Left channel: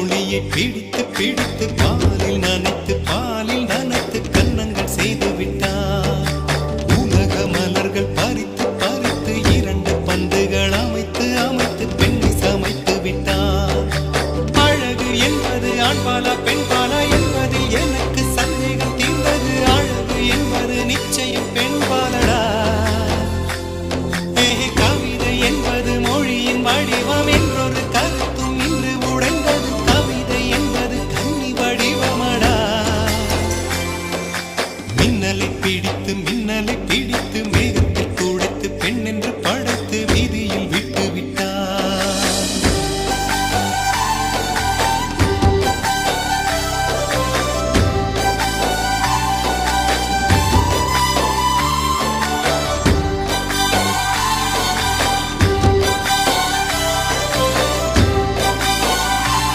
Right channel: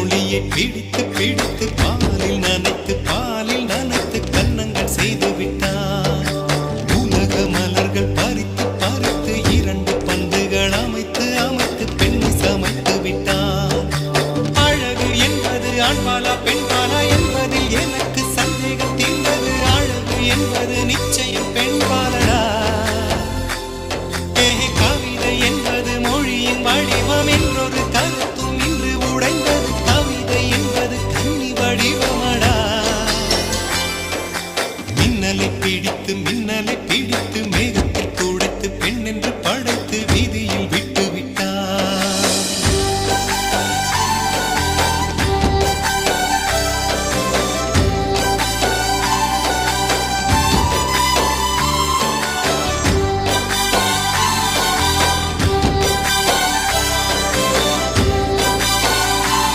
ஒளியை பிடித்து பிடித்து பாலில் நனைத்து கன்னங்கள் செய்து விட்டார். உலக மலர்கள் பறித்து பறித்து 2 பந்துகள் அமைத்து அமைத்து பெண்ணை சமைத்து விட்டார். அழகு என்பது ஆண்பாலா பெண்பாலா என்பதில் எனக்கு சந்தேகம் தீர்ந்தது. அழகு என்பது நிச்சயம் பெண்பாலடா. கவிதை என்பது மொழியின் வடிவம் என்றொரு கருத்தும் இன்று உடைந்த